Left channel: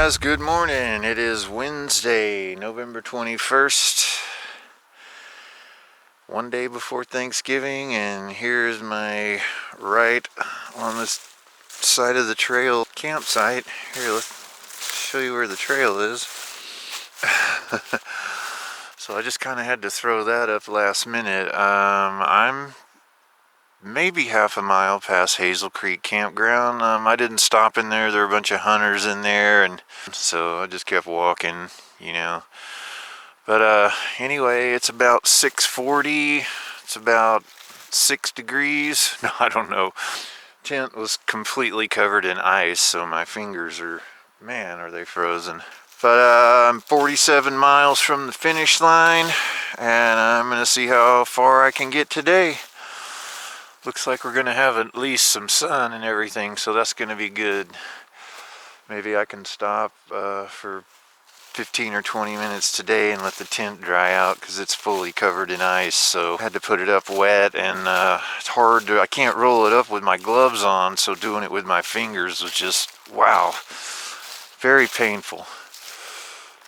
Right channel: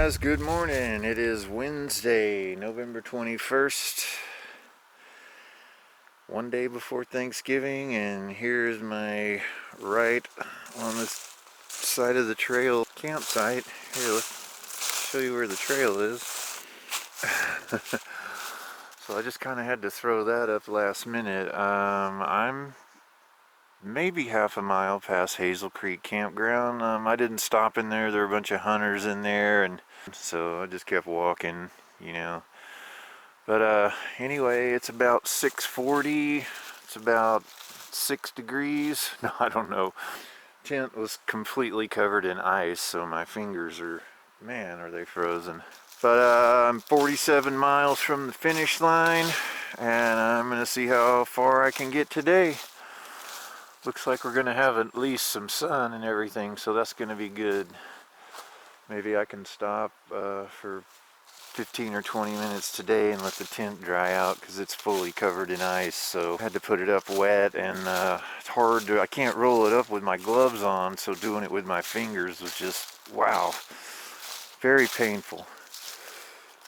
guys, good morning. It is Wednesday, November 21st, one day before Thanksgiving, and here's my right on this side of the trail campsite. Here, let's show you where the trail is. So I just kind of had to throw that up last minute. I'm maybe half a mile past Hazel Creek Campground. I didn't stop in there. There were a bunch of hunters in there, and so I just kept walking, you know. But anyway, it's about 6:40. It's about 6 degrees. No, I don't know. Tent was completely covered in ice, so my fingers are, man, are they frozen. But I'm 47 miles from the finish line, and I'm gonna see how far I can get today. Looks like we're gonna have at least some sun and everything, so that's gonna be good. Maybe I can stop for 15 or 20 minutes today and let the tent dry out because it's fully covered in ice. So I had to put it up wet, and it's hard to, I can't roll it up with my gloves on, so doing it with my fingers was just, wow, very painful.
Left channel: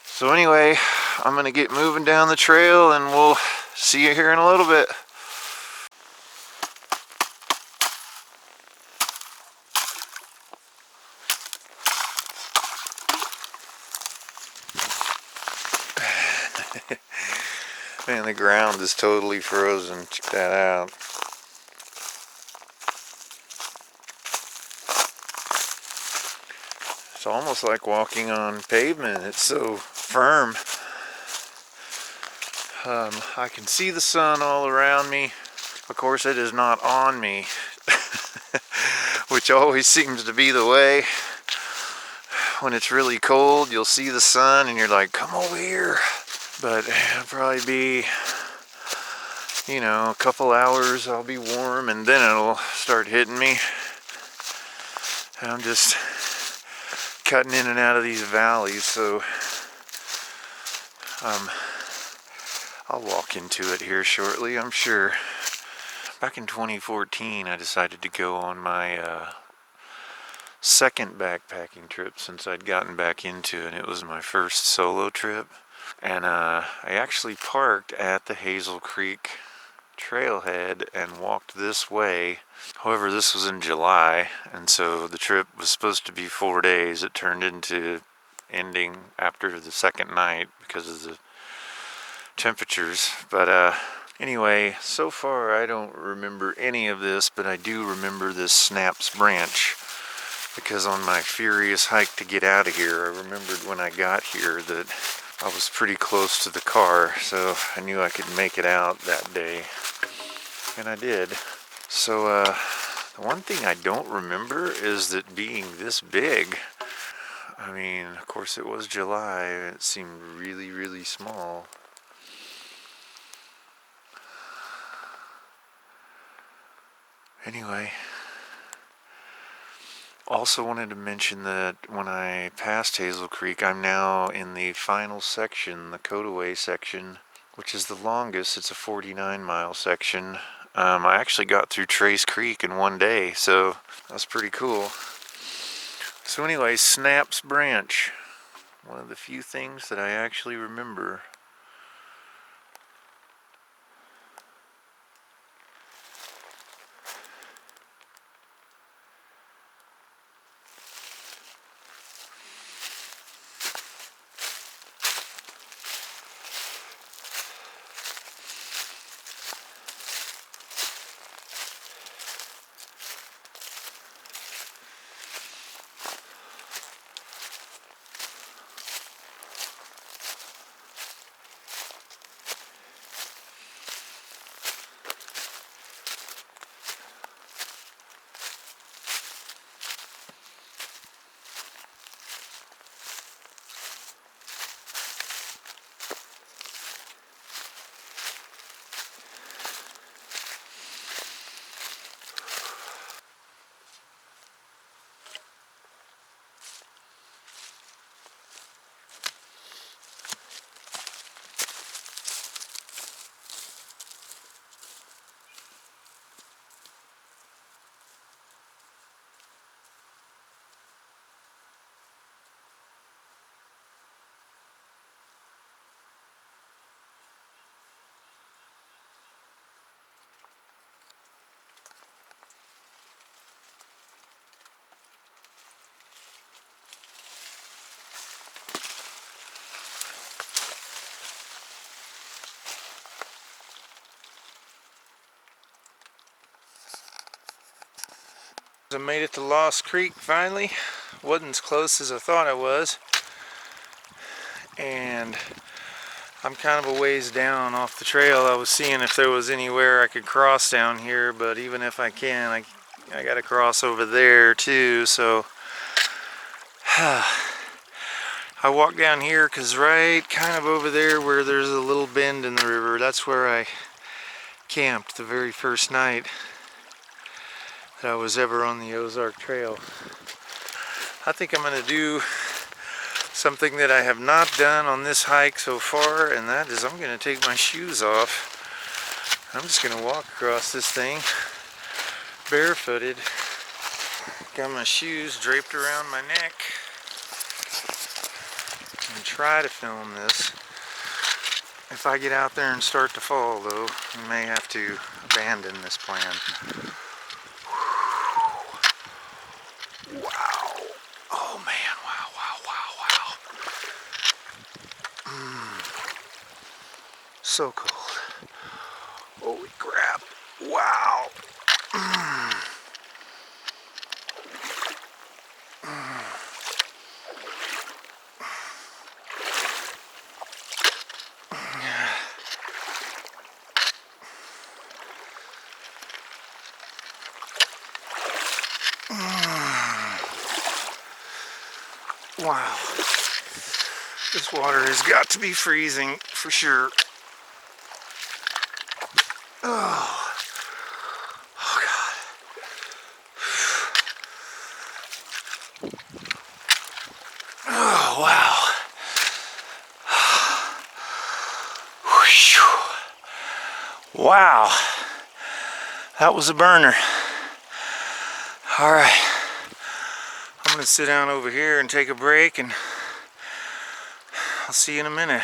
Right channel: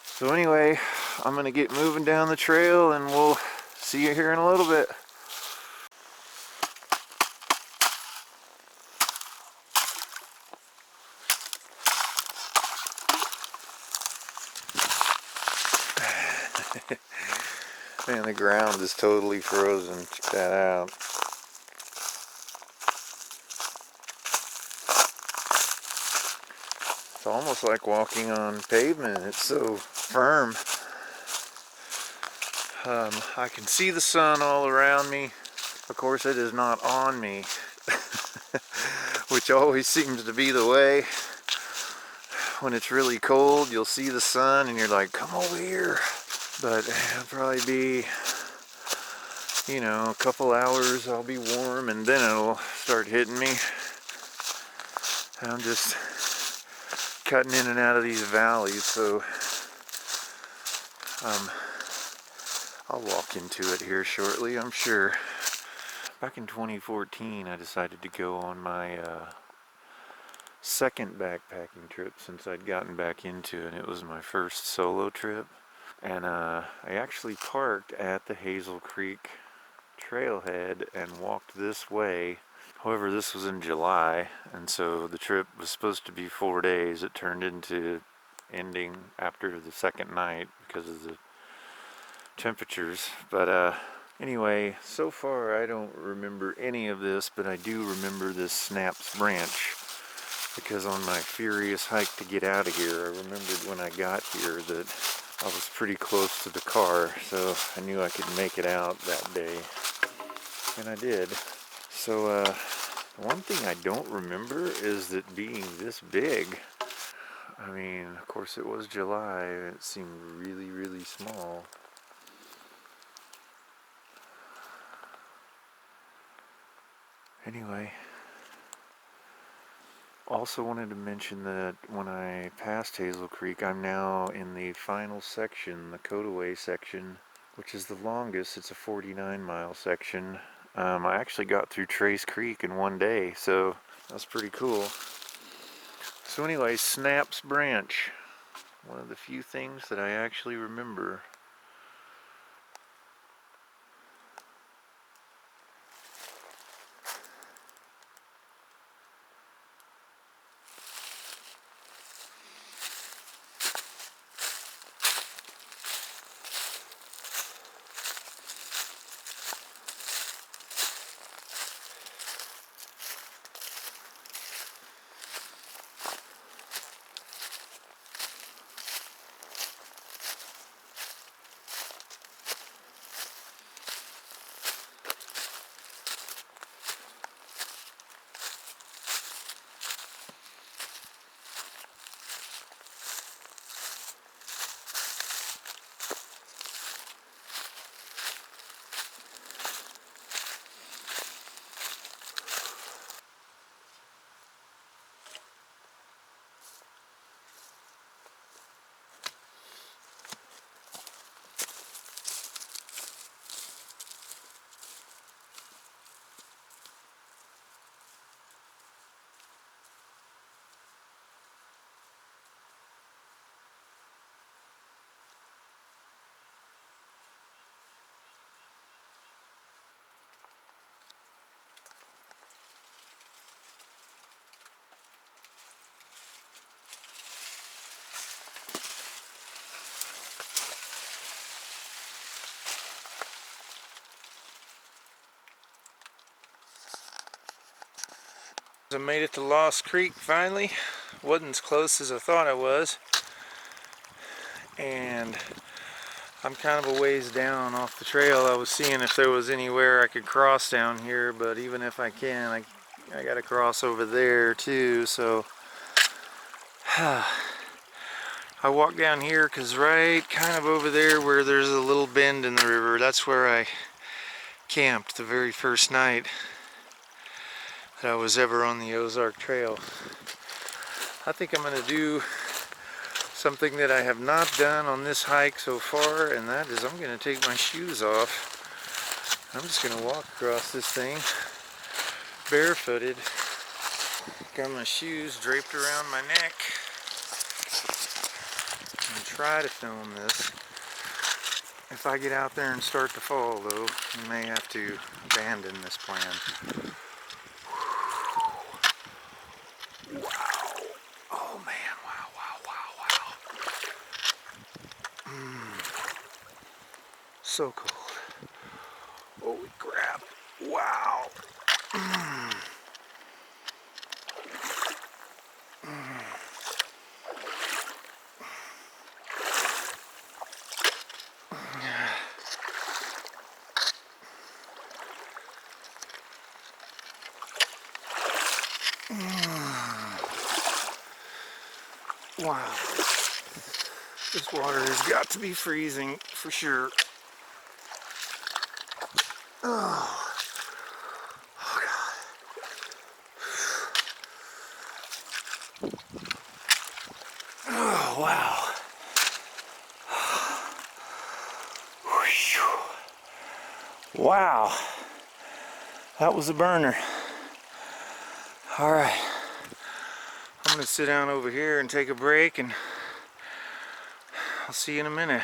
So anyway, I'm gonna get moving down the trail and we'll see you here in a little bit. Man, the ground is totally frozen. Check that out. It's almost like walking on pavement. It's so firm. I can see the sun all around me. Of course, it is not on me, which always seems to be the way. When it's really cold, you'll see the sun and you're like, come over here. But it'll probably be, you know, a couple hours I'll be warm, and then it'll start hitting me. And I'm just cutting in and out of these valleys, so I'll walk into it here shortly, I'm sure. Back in 2014, I decided to go on my second backpacking trip since I'd gotten back into it. It was my first solo trip. And I actually parked at the Hazel Creek trailhead and walked this way. However, this was in July, and so the trip was supposed to be 4 days. It turned into ending after the second night because of the temperatures. But anyway, so far I don't remember any of this, but I do remember this Snaps Branch, because on my furious hike to get out of here, I remembered when I got here that I was pretty close to the car, so I knew I could make it out that day, and I did. So the one thing I don't remember is that being this big. I mean, of course it was July, it seemed really, really small. Anyway, also wanted to mention that when I passed Hazel Creek, I'm now in the final section, the Cotaway section, which is the longest. It's a 49-mile section. I actually got through Trace Creek in one day, so that's pretty cool. So anyway, Snaps Branch, one of the few things that I actually remember. I made it to Lost Creek finally. Wasn't as close as I thought I was. And I'm kind of a ways down off the trail. I was seeing if there was anywhere I could cross down here, but even if I can, I gotta cross over there too, so I walked down here because right kind of over there where there's a little bend in the river, that's where I camped the very first night that I was ever on the Ozark Trail. I think I'm going to do something that I have not done on this hike so far, and that is I'm going to take my shoes off. I'm just going to walk across this thing barefooted. Got my shoes draped around my neck. And try to film this. If I get out there and start to fall though, I may have to abandon this plan. Wow. Oh man, wow. So cold. Holy crap. Wow. Wow. This water has got to be freezing for sure. Oh, God. Oh, wow. Wow. That was a burner. All right. I'm going to sit down over here and take a break, and I'll see you in a minute.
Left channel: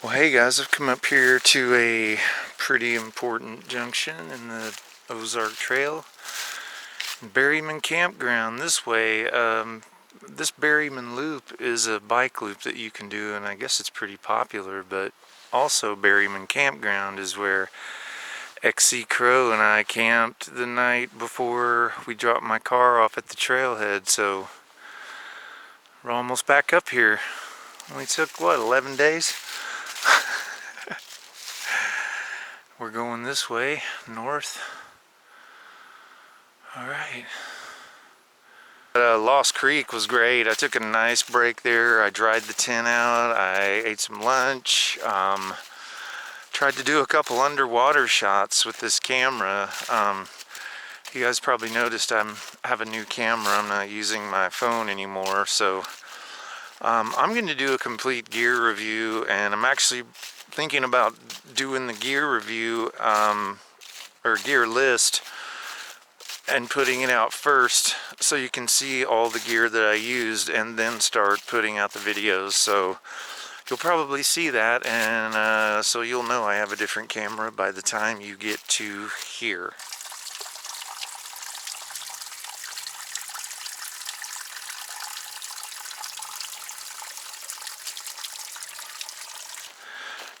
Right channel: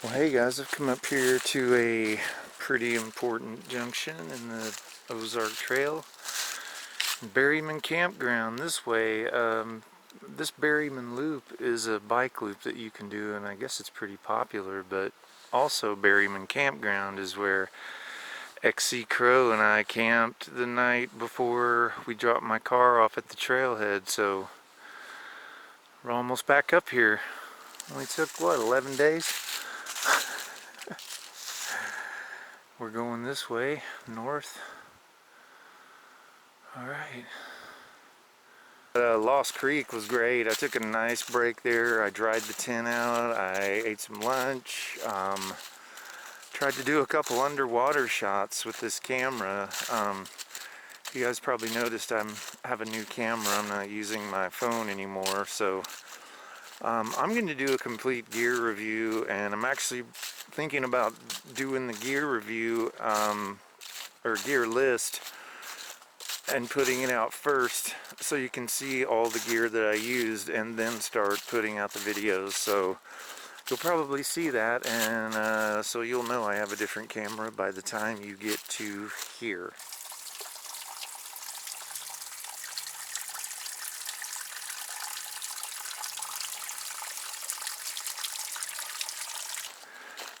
Well, hey guys, I've come up here to a pretty important junction in the Ozark Trail. Berryman Campground this way. This Berryman Loop is a bike loop that you can do, and I guess it's pretty popular, but also Berryman Campground is where XC Crow and I camped the night before we dropped my car off at the trailhead, so we're almost back up here. Only took, what, 11 days? We're going this way, north. Alright. Lost Creek was great. I took a nice break there. I dried the tent out. I ate some lunch. Tried to do a couple underwater shots with this camera. You guys probably noticed I have a new camera. I'm not using my phone anymore, so I'm going to do a complete gear review, and I'm actually thinking about doing the gear review or gear list and putting it out first so you can see all the gear that I used, and then start putting out the videos. So you'll probably see that, and so you'll know I have a different camera by the time you get to here.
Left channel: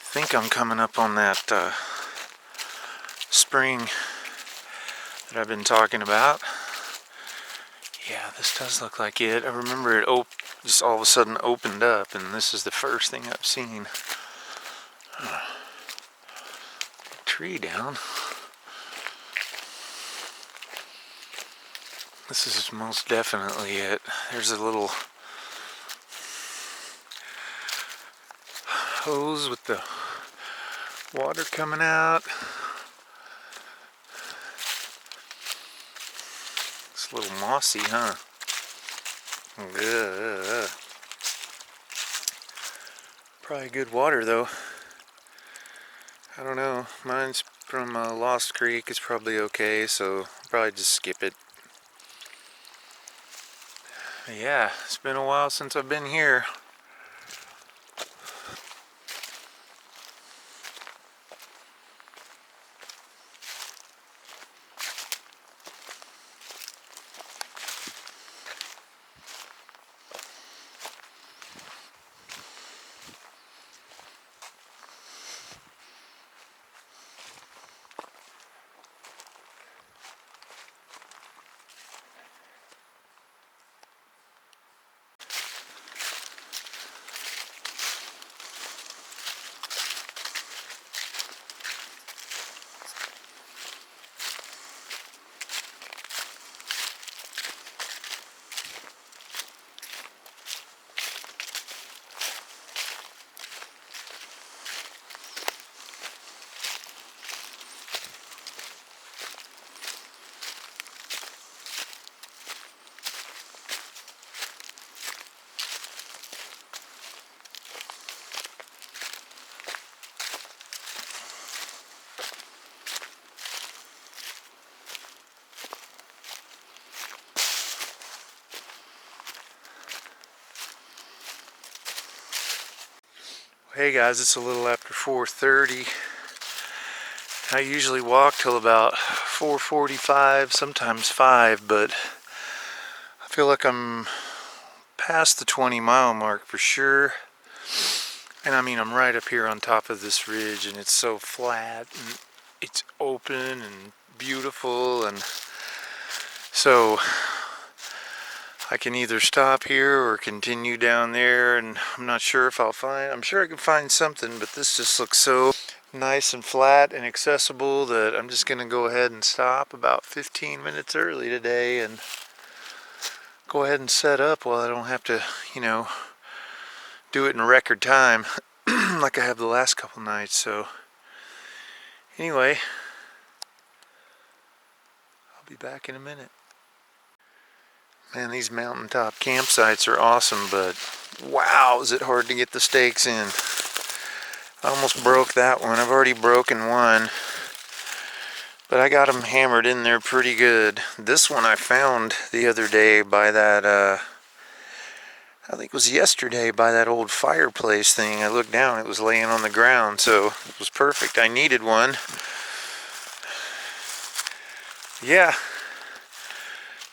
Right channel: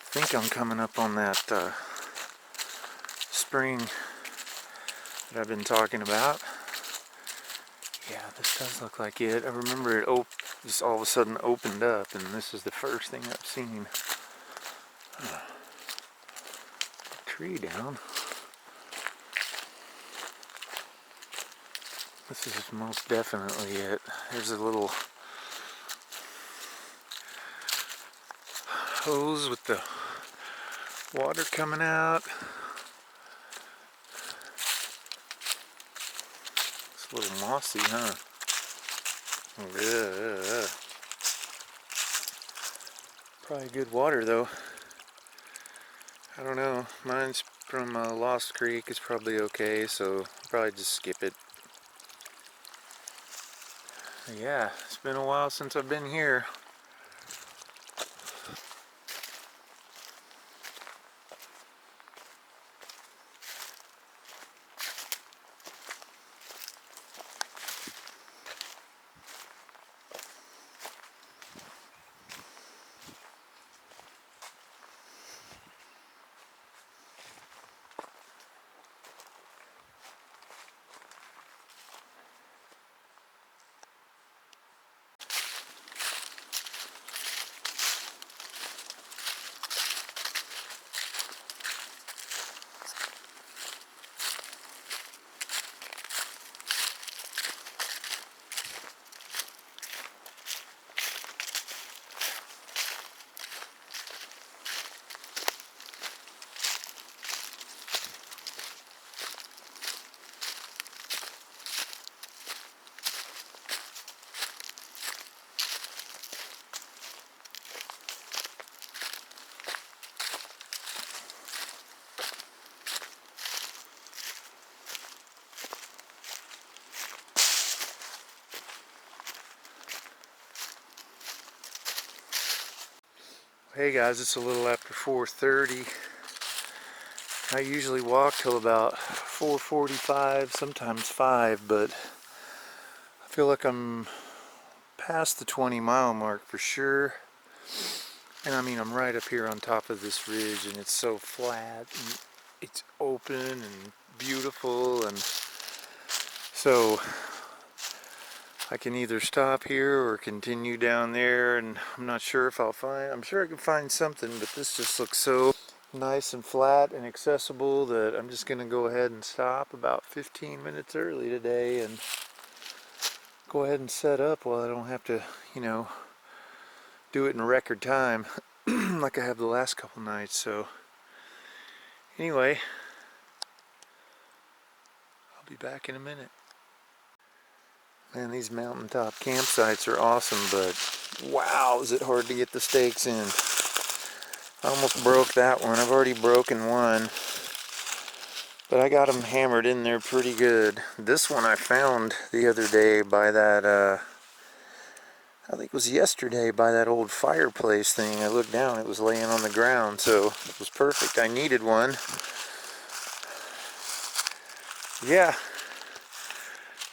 I think I'm coming up on that spring that I've been talking about. Yeah, this does look like it. I remember it just all of a sudden opened up, and this is the first thing I've seen. Tree down. This is most definitely it. There's a little hose with the water coming out. It's a little mossy, huh? Ugh. Probably good water though. I don't know. Mine's from Lost Creek. It's probably okay, so I'll probably just skip it. Yeah, it's been a while since I've been here. Hey guys, it's a little after 4:30. I usually walk till about 4:45, sometimes 5, but I feel like I'm past the 20-mile mark for sure. And I mean, I'm right up here on top of this ridge, and it's so flat, and it's open and beautiful, and so I can either stop here or continue down there, and I'm not sure if I'm sure I can find something, but this just looks so nice and flat and accessible that I'm just going to go ahead and stop about 15 minutes early today and go ahead and set up while I don't have to, do it in record time like I have the last couple nights. So anyway, I'll be back in a minute. Man, these mountaintop campsites are awesome, but wow, is it hard to get the stakes in. I almost broke that one. I've already broken one, but I got them hammered in there pretty good. This one I found the other day by that, I think it was yesterday, by that old fireplace thing. I looked down, it was laying on the ground, so it was perfect. I needed one. Yeah.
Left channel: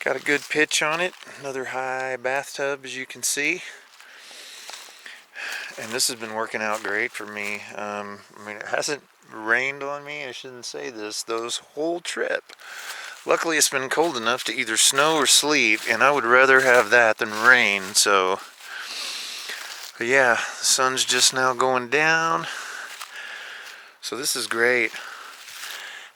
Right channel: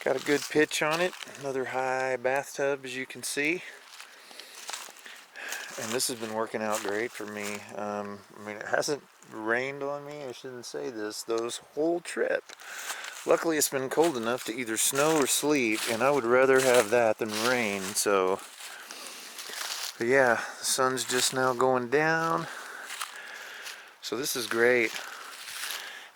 Got a good pitch on it, another high bathtub as you can see, and this has been working out great for me. I mean, it hasn't rained on me, I shouldn't say this, those whole trip. Luckily it's been cold enough to either snow or sleet, and I would rather have that than rain. So, but yeah, the sun's just now going down, so this is great.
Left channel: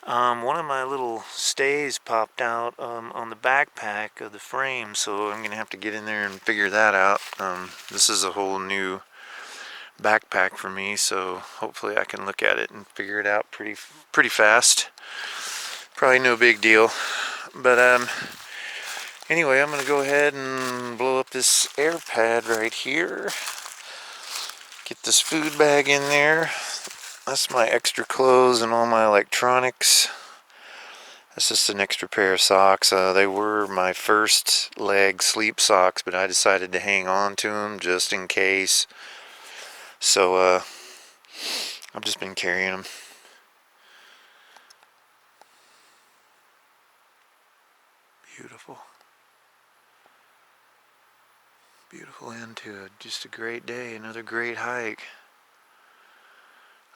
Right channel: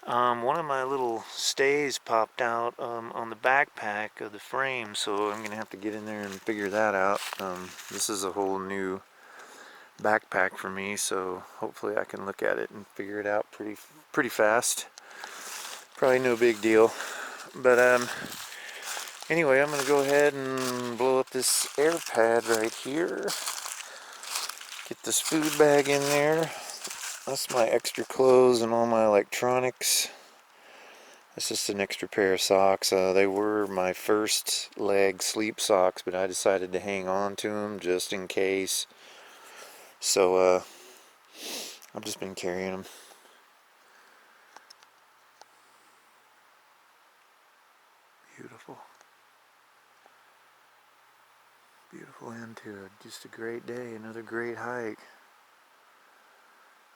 One of my little stays popped out on the backpack of the frame, so I'm gonna have to get in there and figure that out. This is a whole new backpack for me, so hopefully I can look at it and figure it out pretty fast. Probably no big deal, but anyway, I'm gonna go ahead and blow up this air pad right here. Get this food bag in there. That's my extra clothes and all my electronics. That's just an extra pair of socks. They were my first leg sleep socks, but I decided to hang on to them just in case. So I've just been carrying them. Beautiful. Beautiful end to it. Just a great day, another great hike.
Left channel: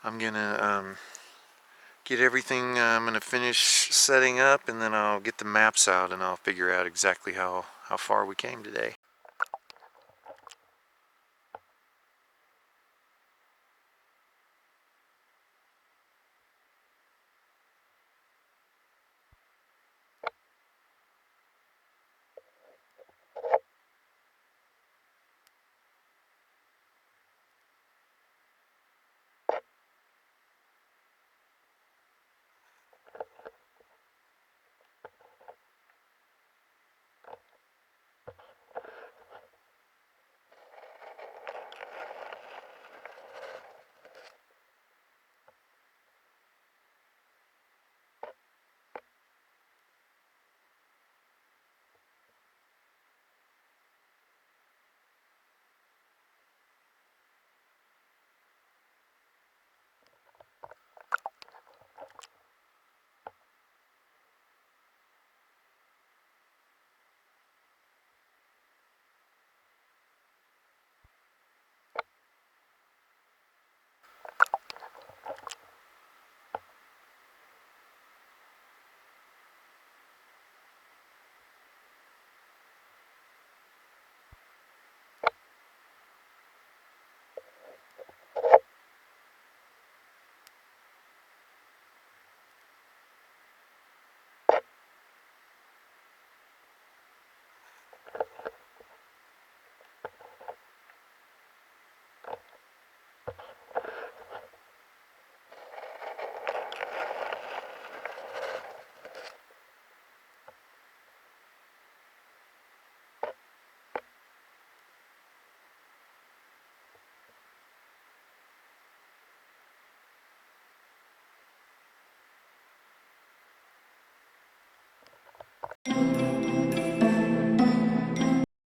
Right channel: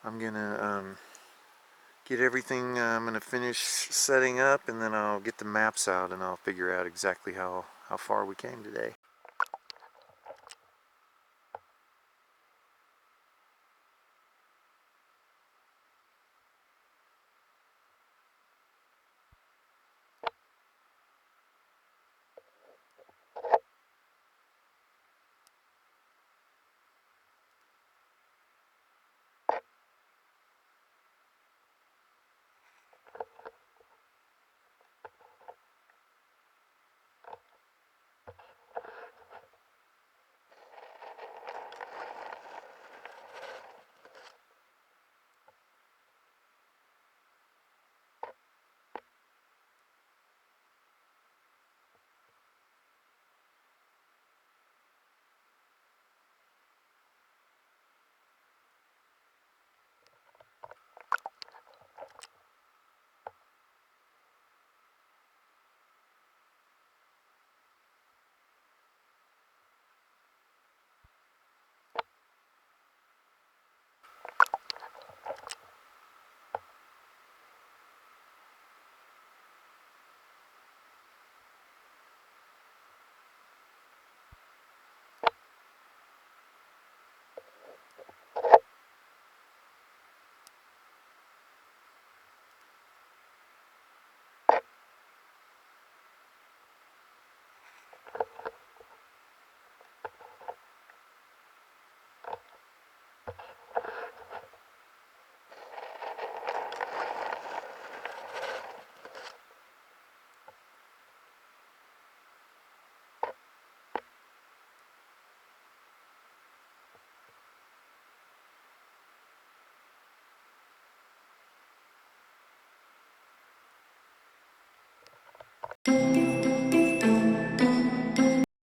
I'm gonna get everything, I'm gonna finish setting up, and then I'll get the maps out and I'll figure out exactly how far we came today.